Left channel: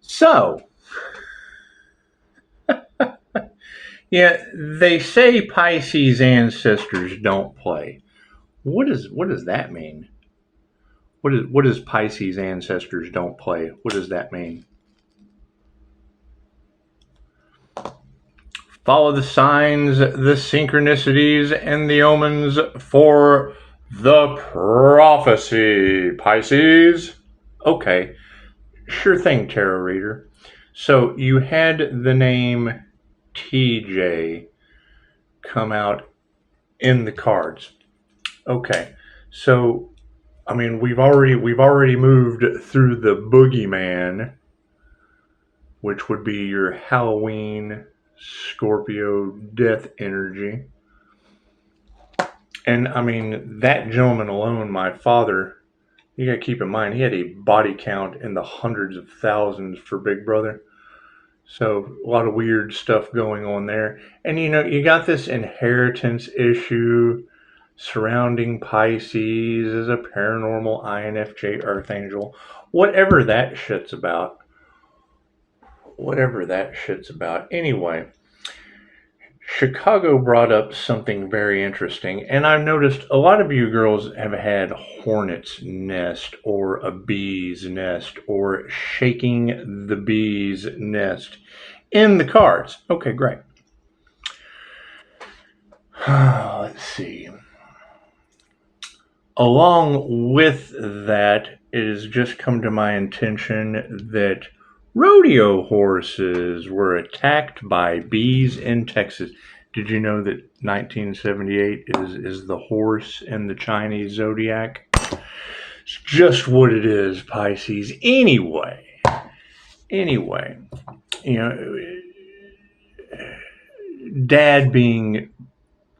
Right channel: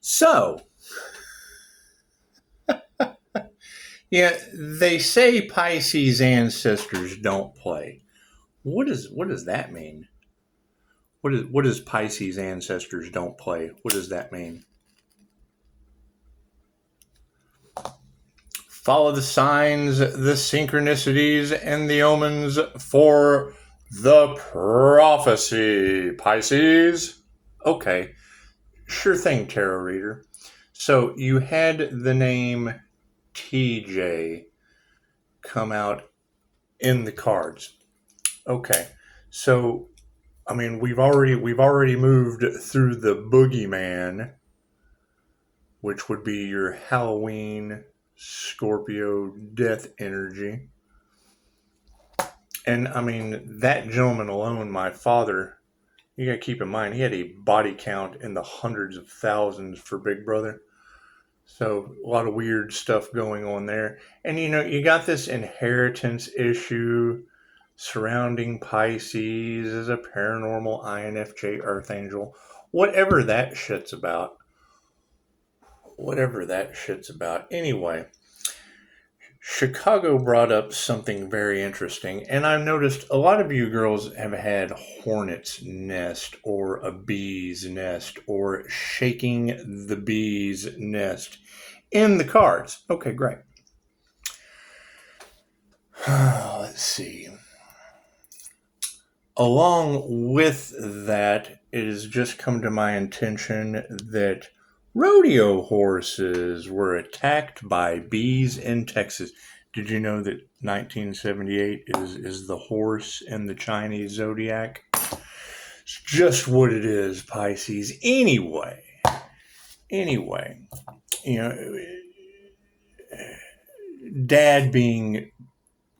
So, yeah, they say Pisces ancestors don't play. What does that mean? What does Pisces ancestors don't play? What does that mean? Follow the signs, the synchronicities, and the omens for the prophecy, Pisces. Okay, sure thing, tarot reader. So you had the name TJ come out in the cards. Okay, so I mean we've already moved through the boogeyman, which would be your Halloween Scorpio death energy. And I mean, that gentleman alone, my father, you gotta keep in mind, he had a body count in the hundreds of thousands for Big Brother. So a lot of weird stuff going on there. And you got this inheritance issue surrounding Pisces as a paranormal INFJ Archangel. Whatever that shit's about. Anyway, Chicago brought up something very interesting, and I've noticed a lot of you girls have had hornet's nest or a bee's nest or shaking the bee's nest in the cards. Okay, great. Let's see. Along with that, it has just come to my attention that rodeo horses were attacked by bees in Texas. Did you know that 1978 is the horse in the Chinese zodiac? It's just what it is, Pisces. Anyway, Dad being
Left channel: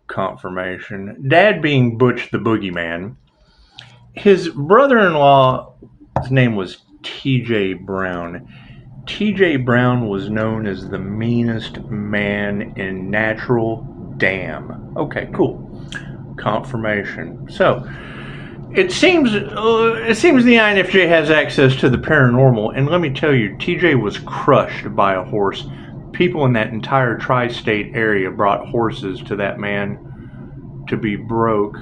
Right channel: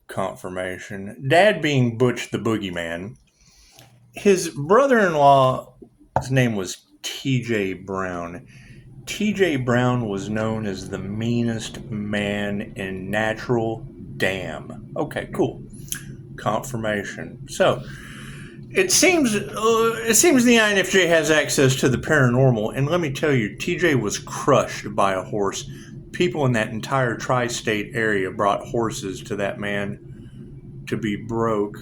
confirmation, Dad being Butch the Boogeyman, his brother-in-law's name was T.J. Brown. T.J. Brown was known as the meanest man in Natural Dam. Okay, cool. Confirmation. So, it seems the INFJ has access to the paranormal, and let me tell you, TJ was crushed by a horse. People in that entire tri-state area brought horses to that man to be broke.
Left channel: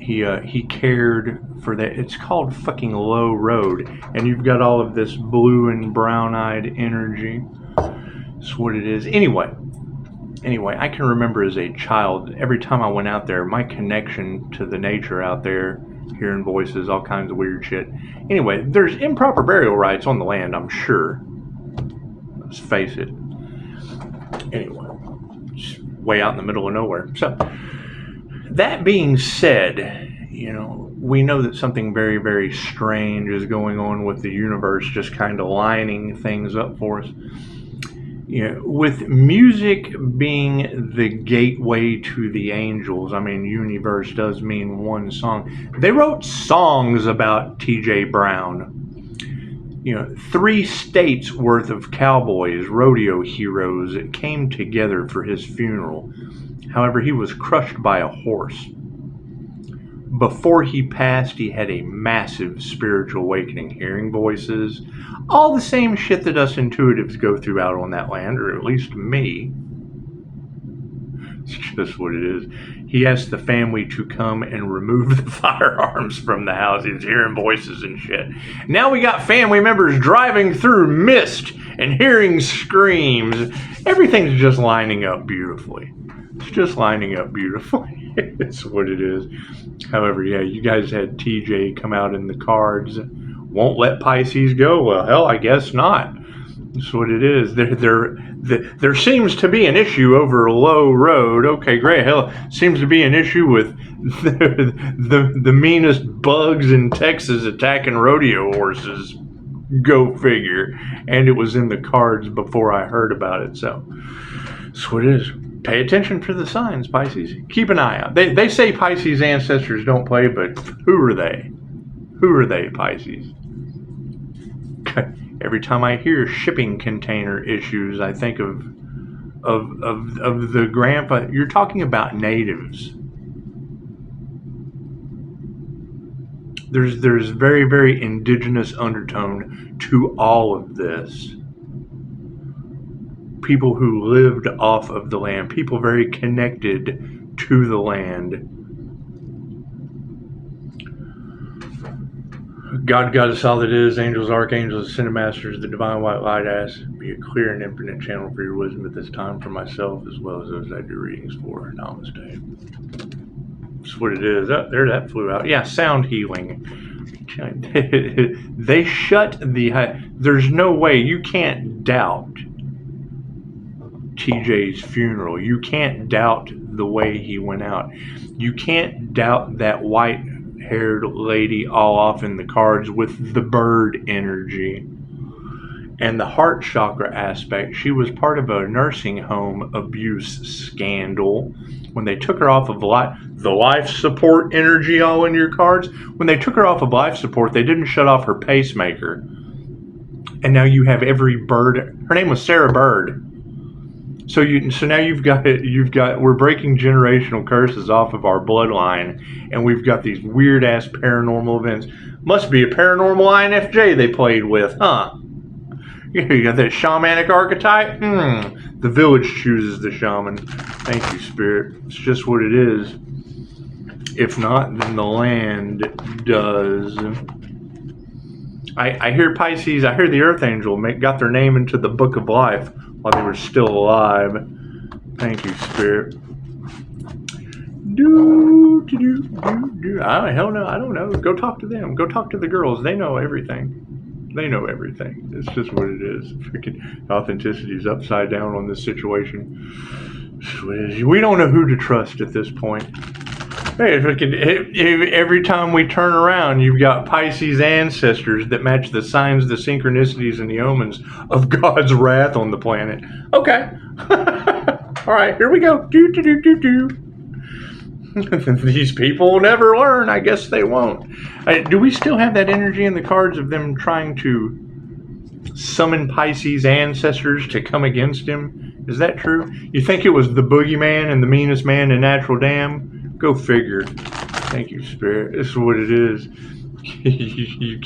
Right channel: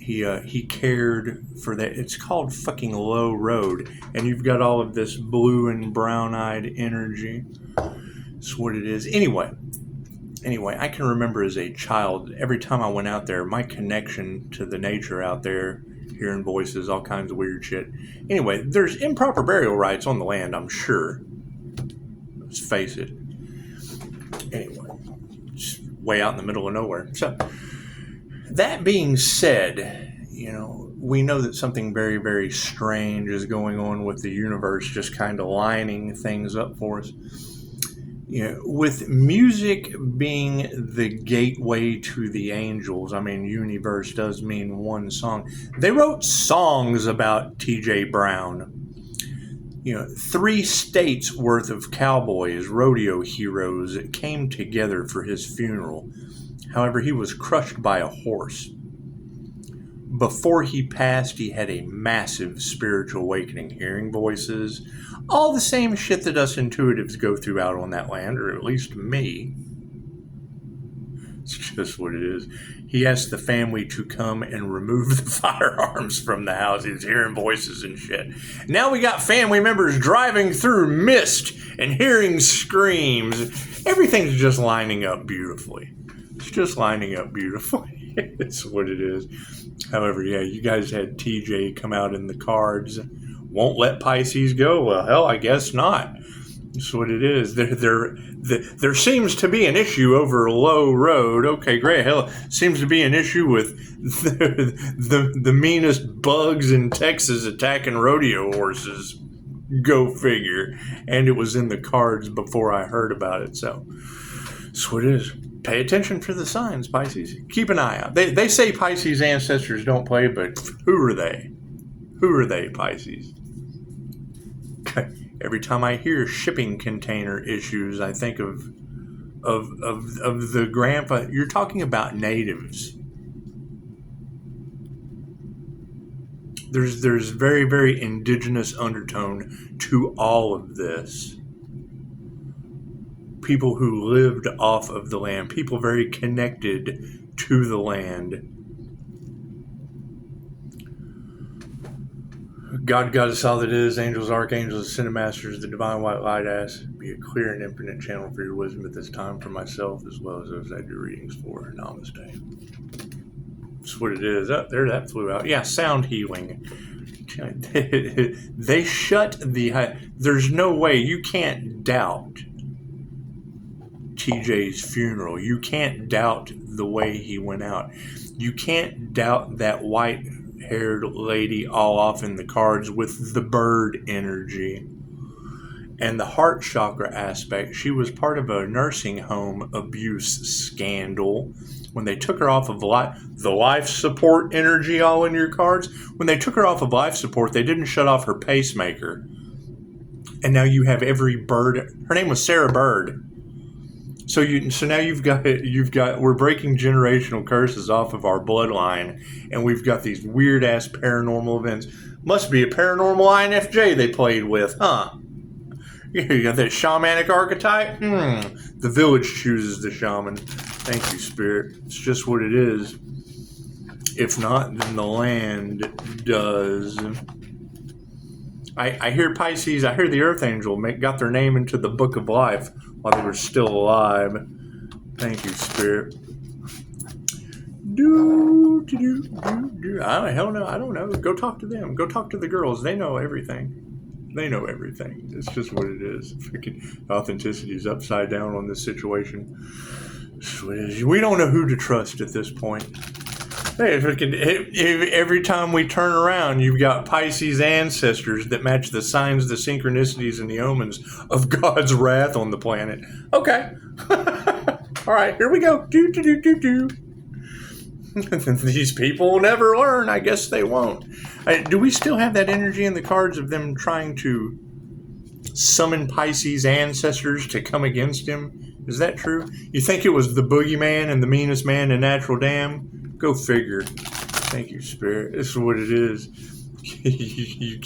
He cared for that. It's called fucking Lowe Road, and you've got all of this blue and brown-eyed energy. That's what it is. Anyway, I can remember as a child, every time I went out there, my connection to the nature out there, hearing voices, all kinds of weird shit. Anyway, there's improper burial rites on the land, I'm sure. Let's face it. Anyway, just way out in the middle of nowhere. So, that being said, we know that something very, very strange is going on with the universe, just kind of lining things up for us. With music being the gateway to the angels, I mean, universe does mean one song. They wrote songs about T.J. Brown. 3 states worth of cowboys, rodeo heroes, came together for his funeral. However, he was crushed by a horse. Before he passed, he had a massive spiritual awakening, hearing voices, all the same shit that us intuitives go through out on that land, or at least me. It's just what it is. He asked the family to come and remove the firearms from the house. He's hearing voices and shit. Now we got family members driving through mist and hearing screams. Everything's just lining up beautifully. It's just lining up beautifully. It's what it is. However, yeah, you guys had TJ come out in the cards. Won't let Pisces go. Well, hell, I guess not. That's what it is. There seems to be an issue over Lowe Road. Okay, great. Hell, seems to be an issue with the meanest bugs in Texas attacking rodeo horses. Go figure. And it was in the cards before I heard about it. So, that's what it is. Pay attention to the signs, Pisces. Keep an eye out. They say Pisces ancestors don't play, but who are they? Who are they, Pisces? Every time I hear shipping container issues, I think of the grandpa. You're talking about natives. There's very, very indigenous undertone to all of this. People who lived off of the land, people very connected to the land. God, Goddess, all that is, angels, archangels, ascended masters, the divine white light ass, be a clear and infinite channel for your wisdom at this time for myself as well as those I do readings for. Namaste. That's what it is. Oh, there, that flew out. Yeah, sound healing. They shut the... There's no way. You can't doubt TJ's funeral. You can't doubt the way he went out. You can't doubt that white-haired lady all off in the cards with the bird energy. And the heart chakra aspect, she was part of a nursing home abuse scandal. When they took her off of the life support energy all in your cards, when they took her off of life support, they didn't shut off her pacemaker. And now you have every bird. Her name was Sarah Bird. So now you've got we're breaking generational curses off of our bloodline, and we've got these weird ass paranormal events. Must be a paranormal INFJ they played with, huh? You got that shamanic archetype? The village chooses the shaman. Thank you, Spirit. It's just what it is. If not, then the land does. I hear Pisces, I hear the Earth Angel got their name into the Book of Life while they were still alive. Thank you, Spirit. Hell no, I don't know. Go talk to them. Go talk to the girls. They know everything. They know everything. It's just what it is. Freaking authenticity is upside down on this situation. We don't know who to trust at this point. Hey, every time we turn around, you've got Pisces ancestors that match the signs, the synchronicities, and the omens of God's wrath on the planet. Okay. All right, here we go. These people will never learn. I guess they won't. Do we still have that energy in the cards of them trying to summon Pisces ancestors to come against him? Is that true? You think it was the boogeyman and the meanest man in Natural Dam? Go figure. Thank you, Spirit. This is what it is. You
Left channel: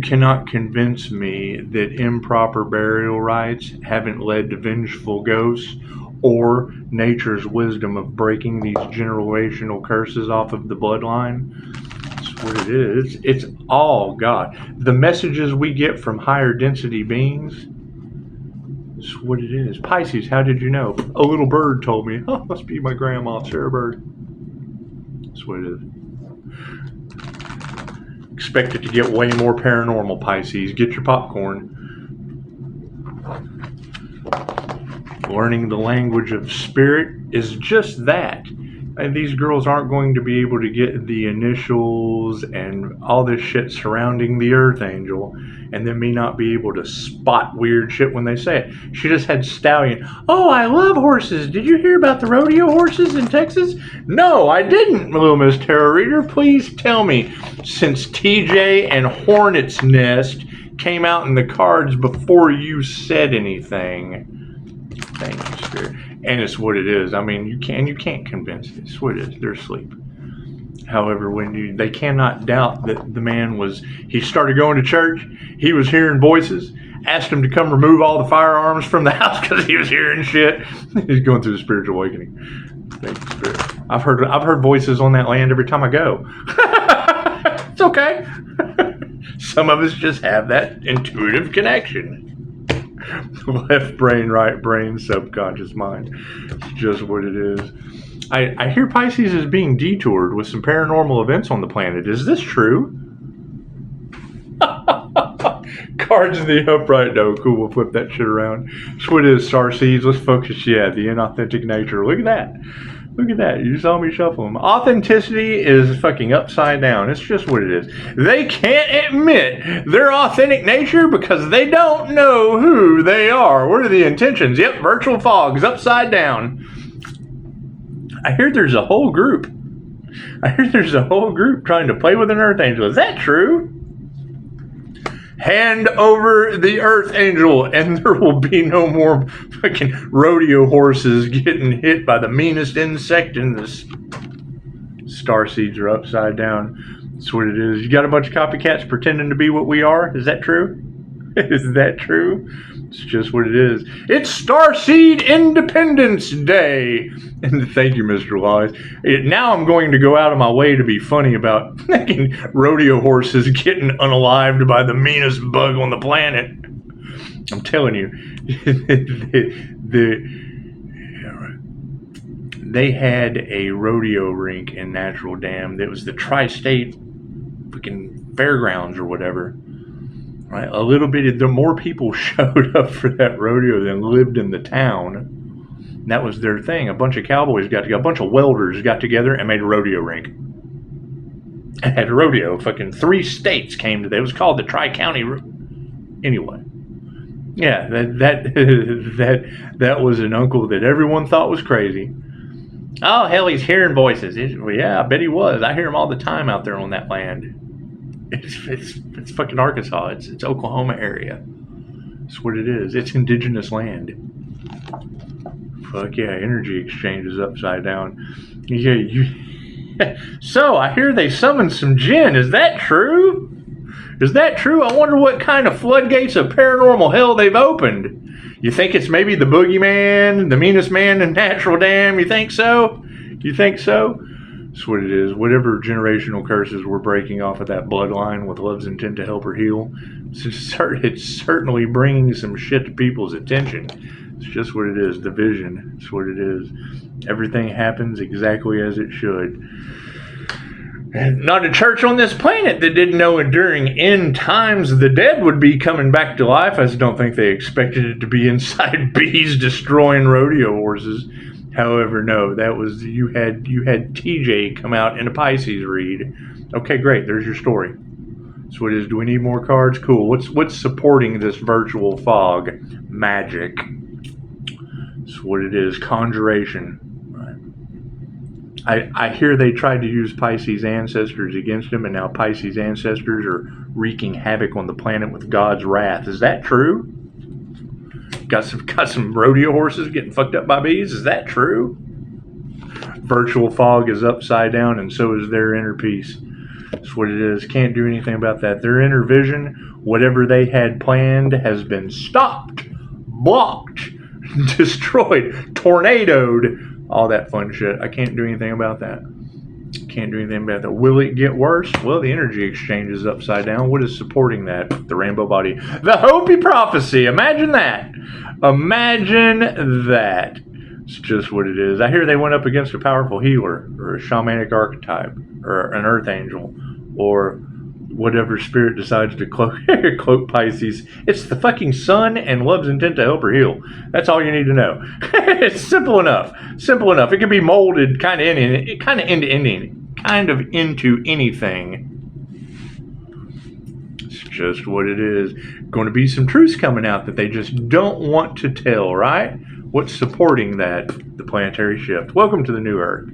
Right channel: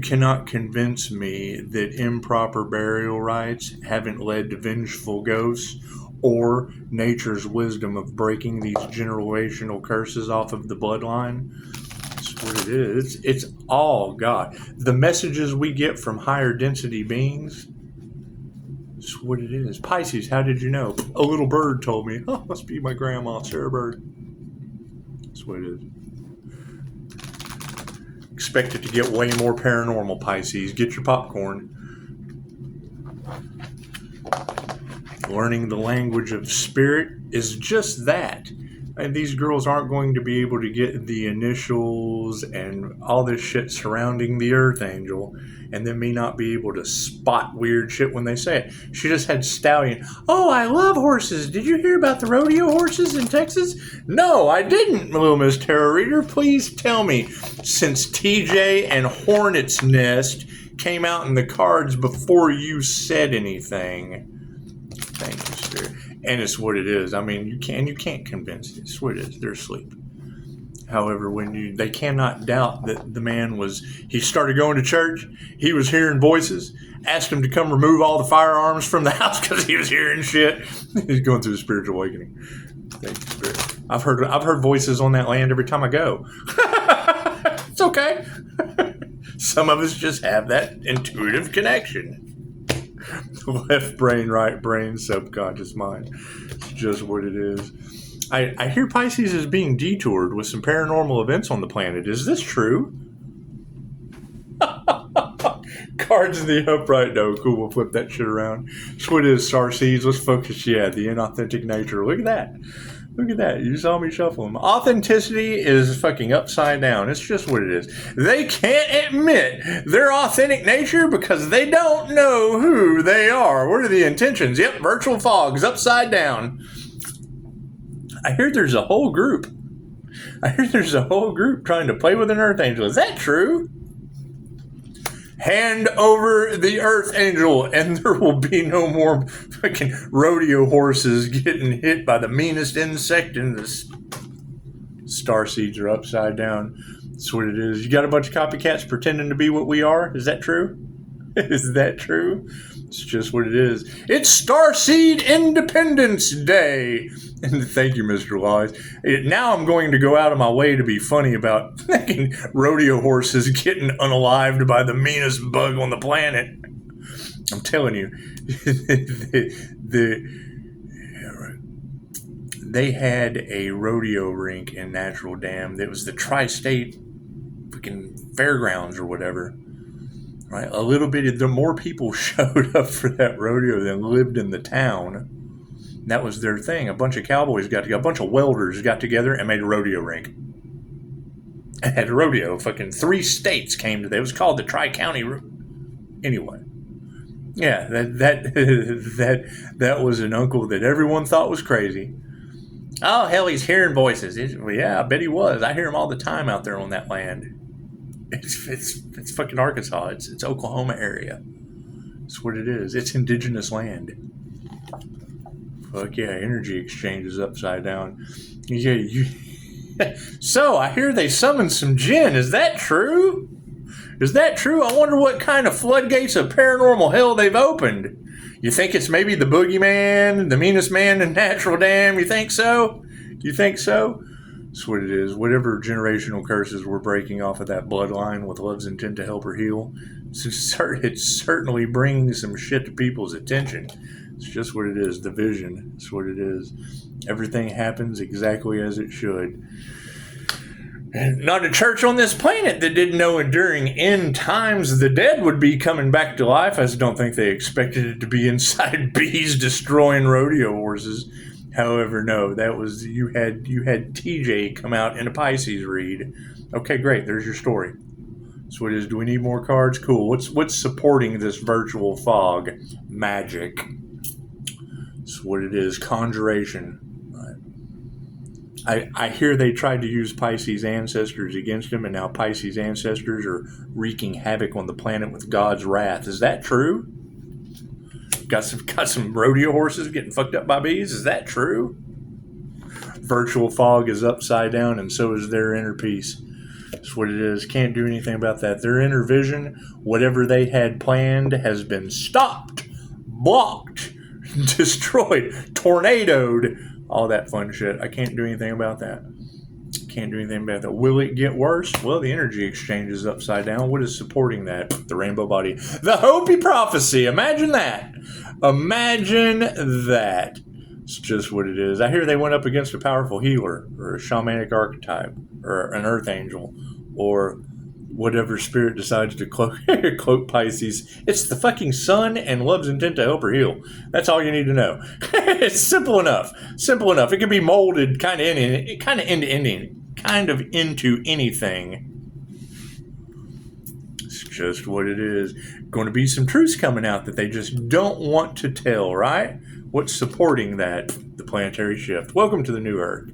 cannot convince me that improper burial rites haven't led to vengeful ghosts or nature's wisdom of breaking these generational curses off of the bloodline. That's what it is. It's all God. The messages we get from higher density beings, that's what it is. Pisces, how did you know? A little bird told me. Oh, must be my grandma, Sarah Bird. That's what it is. Expect it to get way more paranormal, Pisces. Get your popcorn. Learning the language of spirit is just that. And these girls aren't going to be able to get the initials and all this shit surrounding the Earth Angel, and then me not be able to spot weird shit when they say it. She just had stallion. Oh, I love horses. Did you hear about the rodeo horses in Texas? No, I didn't, Little Miss Tarot Reader. Please tell me, since TJ and Hornet's Nest came out in the cards before you said anything. Thank you, Spirit. And it's what it is. I mean, you can't convince it. It's what it is. They're asleep. However, they cannot doubt that the man he started going to church, he was hearing voices, asked him to come remove all the firearms from the house because he was hearing shit. He's going through the spiritual awakening. Thank you, Spirit. I've heard voices on that land every time I go. It's okay. Some of us just have that intuitive connection. Left brain, right brain, subconscious mind. It's just what it is. I hear Pisces is being detoured with some paranormal events on the planet. Is this true? Cards in the upright. No, cool. We'll flip that shit around. That's what it is, Starseeds. Let's focus. Yeah, the inauthentic nature. Look at that. Look at that. You saw me shuffle them. Authenticity is fucking upside down. It's just what it is. They can't admit their authentic nature because they don't know who they are. What are the intentions? Yep, virtual fog's upside down. I hear there's a whole group. Trying to play with an Earth Angel. Is that true? Hand over the Earth Angel, and there will be no more fucking rodeo horses getting hit by the meanest insect in this star seeds are upside down. That's what it is. You got a bunch of copycats pretending to be what we are. Is that true? Is that true? It's just what it is. It's Starseed Independence Day. And thank you, Mr. Laws. Now I'm going to go out of my way to be funny about fucking rodeo horses getting unalived by the meanest bug on the planet. I'm telling you. They had a rodeo rink in Natural Dam. That was the tri-state freaking fairgrounds or whatever. Right? A little bit, the more people showed up for that rodeo than lived in the town. And that was their thing. A bunch of cowboys got together, a bunch of welders got together and made a rodeo rink. And had a rodeo. Fucking 3 states came to that. It was called the Tri-County. Anyway. Yeah, that was an uncle that everyone thought was crazy. Oh, hell, he's hearing voices. Well, yeah, I bet he was. I hear him all the time out there on that land. It's fucking Arkansas. It's Oklahoma area. That's what it is. It's indigenous land. Fuck yeah, energy exchange is upside down. Yeah, So, I hear they summoned some jinn. Is that true? Is that true? I wonder what kind of floodgates of paranormal hell they've opened. You think it's maybe the boogeyman, the meanest man in Natural Dam? You think so? You think so? That's what it is. Whatever generational curses we're breaking off of that bloodline with love's intent to help her heal, it's certainly bringing some shit to people's attention. It's just what it is. The vision. It's what it is. Everything happens exactly as it should. Not a church on this planet that didn't know during end times the dead would be coming back to life. I just don't think they expected it to be inside bees destroying rodeo horses. However, no, that was you had TJ come out in a Pisces read. Okay, great. There's your story. So what it is? Do we need more cards? Cool. What's supporting this virtual fog? Magic. That's what it is. Conjuration. I hear they tried to use Pisces ancestors against him, and now Pisces ancestors are wreaking havoc on the planet with God's wrath. Is that true? Got some rodeo horses getting fucked up by bees? Is that true? Virtual fog is upside down, and so is their inner peace. That's what it is. Can't do anything about that. Their inner vision, whatever they had planned, has been stopped, blocked, destroyed, tornadoed. All that fun shit. I can't do anything about that. Can't do anything about that. Will it get worse? Well, the energy exchange is upside down. What is supporting that? The rainbow body. The Hopi prophecy. Imagine that. Imagine that. It's just what it is. I hear they went up against a powerful healer or a shamanic archetype or an earth angel or whatever spirit decides to cloak Pisces. It's the fucking sun and love's intent to help her heal. That's all you need to know. It's simple enough. Simple enough. It can be molded kind of into anything. It's just what it is. Going to be some truths coming out that they just don't want to tell, right? What's supporting that? The planetary shift. Welcome to the new Earth.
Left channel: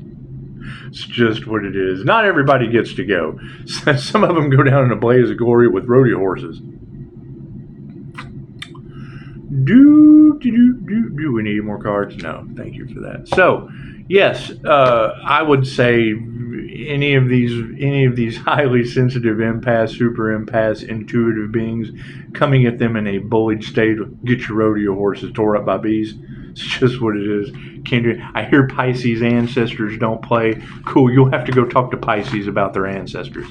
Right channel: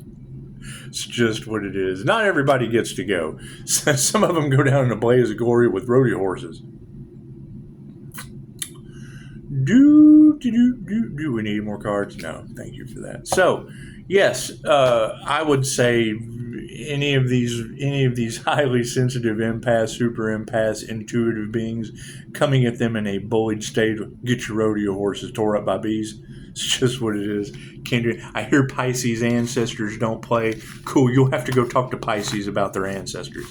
It's just what it is. Not everybody gets to go. Some of them go down in a blaze of glory with rodeo horses. Do we need more cards? No, thank you for that. So, yes, I would say any of these highly sensitive empaths, super empaths, intuitive beings coming at them in a bullied state, get your rodeo horses tore up by bees. It's just what it is. Can't do it. I hear Pisces ancestors don't play. Cool, you'll have to go talk to Pisces about their ancestors.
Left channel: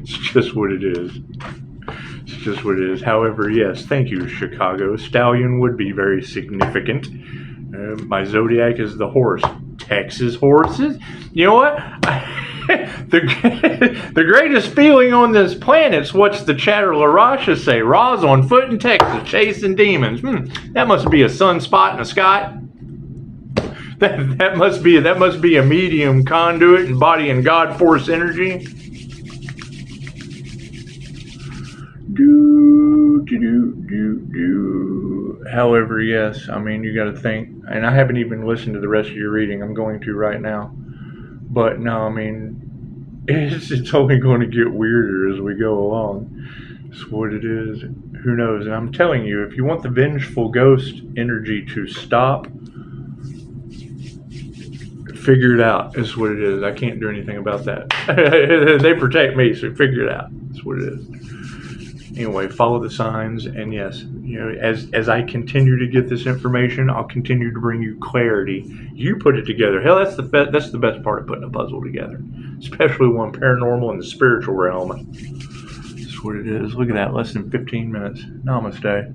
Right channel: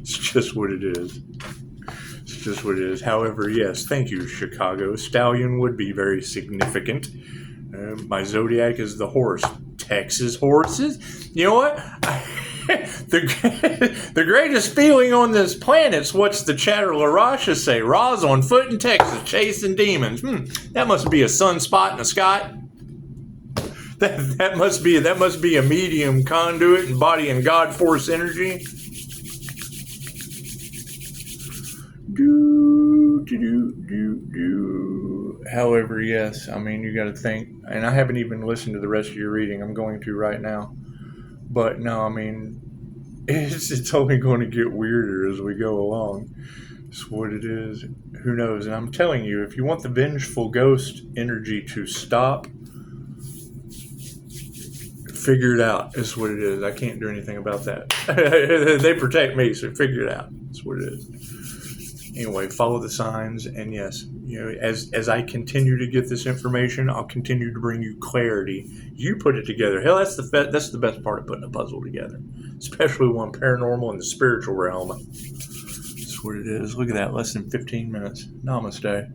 It's just what it is. It's just what it is. However, yes, thank you, Chicago. Stallion would be very significant. My zodiac is the horse. Texas horses? You know what? The greatest feeling on this planet is what's the Chatter LaRasha say? Ra's on foot in Texas, chasing demons. That must be a sunspot in the sky. That must be a medium conduit embodying God force energy. However, yes, I mean, you got to think, and I haven't even listened to the rest of your reading. I'm going to right now. But no, I mean, it's only going to get weirder as we go along. It's what it is. Who knows? And I'm telling you, if you want the vengeful ghost energy to stop Figure it out. Is what it is. I can't do anything about that. They protect me, so figure it out. That's what it is. Anyway, follow the signs, and yes, as I continue to get this information, I'll continue to bring you clarity. You put it together. Hell, that's the best part of putting a puzzle together, especially one paranormal and the spiritual realm. That's what it is. Look at that, less than 15 minutes. Namaste.